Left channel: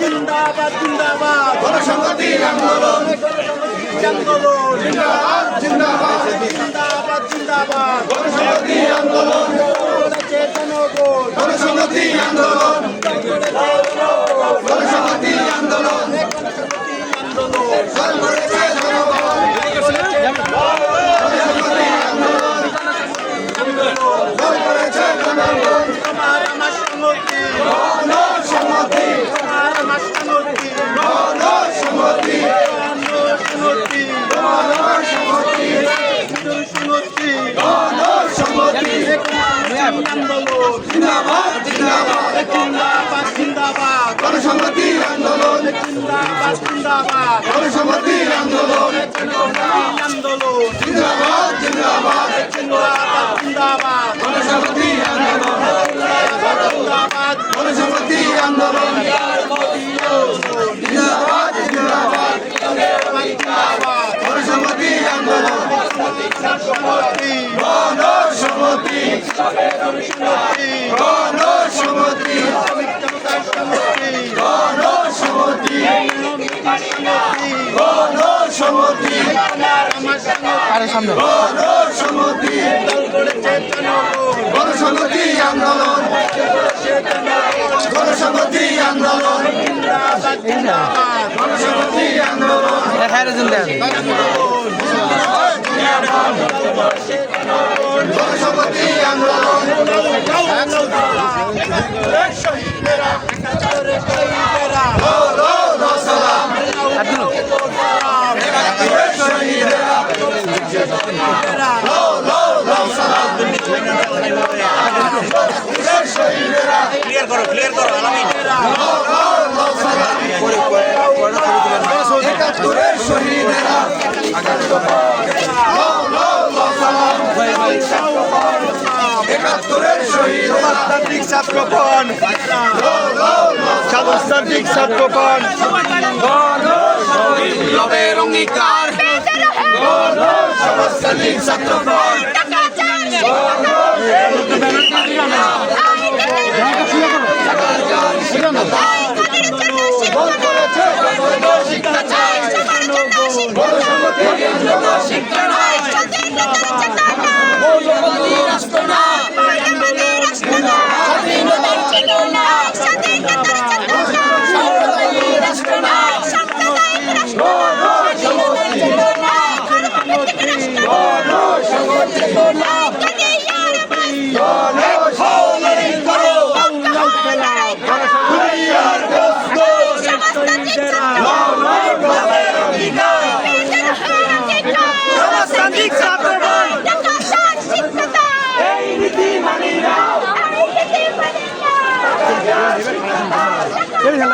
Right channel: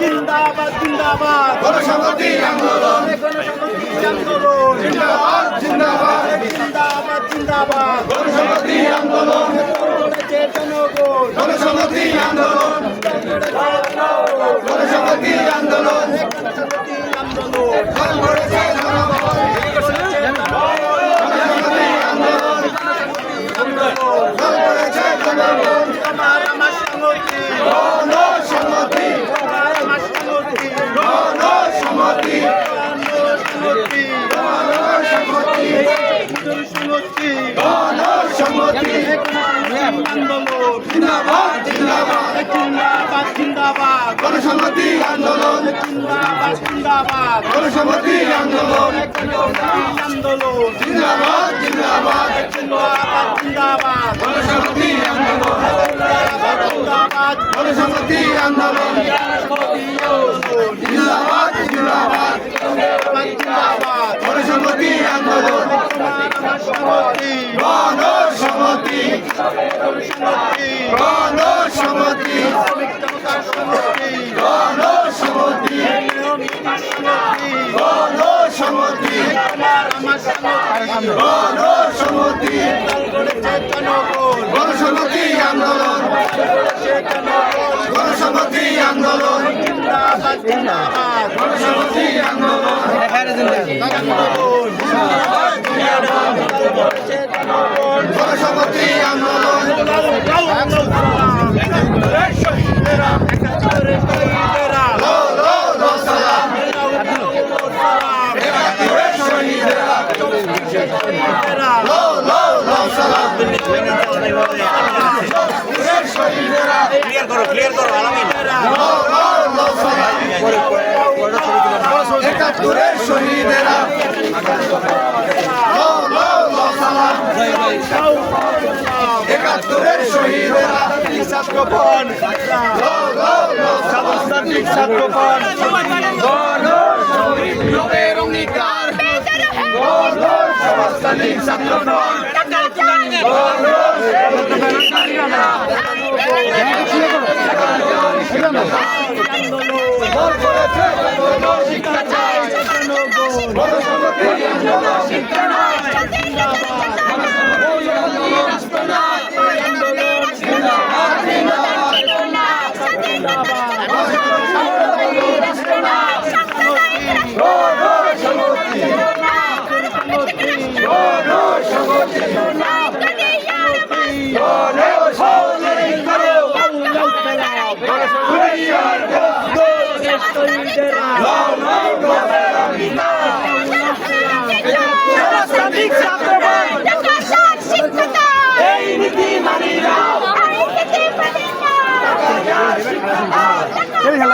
জিন্দাবাদ জিন্দাবাদ গণসংহতি আন্দোলন গণসংহতি আন্দোলন জিন্দাবাদ জিন্দাবাদ জিন্দাবাদ জিন্দাবাদ গণসংহতি আন্দোলন করেছে জনগণ গণসংহতি আন্দোলন করেছে জনগণ গণসংহতি আন্দোলন গণসংহতি আন্দোলন ফল করেছে জনগণ করেছে জনগণ ফল করেছে জনগণ তোমার আমার সংহতি গণসংহতি তোমার আমার সংহতি গণসংহতি সংহতি গণসংহতি হিন্দুর সংহতি গণসংহতি আন্দোলন জিন্দাবাদ জিন্দাবাদ জিন্দাবাদ জিন্দাবাদ গণসংহতি আন্দোলন জিন্দাবাদ জিন্দাবাদ গণসংহতি আন্দোলন আন্দোলন জিন্দাবাদ জিন্দাবাদ জিন্দাবাদ জিন্দাবাদ গণসংহতি আন্দোলন জিন্দাবাদ জিন্দাবাদ গণসংহতি আন্দোলন জিন্দাবাদ জিন্দাবাদ জিন্দাবাদ গণসংহতি আন্দোলন সংহতি গণসংহতি সংহতি গণসংহতি শ্রমিক জনতার সংহতি গণসংহতি সংহতি গণসংহতি তোমার আমার সংহতি গণসংহতি দল করেছে জনগণ গণসংহতি আন্দোলন করেছে জনগণ গণসংহতি আন্দোলন জিন্দাবাদ জিন্দাবাদ গণসংহতি আন্দোলন আন্দোলন দল করেছে জনগণ গণসংহতি আন্দোলন শহীদেরা একাত্তরের শহীদেরা সালাম শহীদেরা ক্লিয়ার করো আলামিন একাত্তরের শহীদেরা একাত্তরের শহীদেরা ছাত্রপন ছাত্রপন বিপ্লবের অঙ্গীকার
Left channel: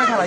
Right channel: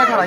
খেলা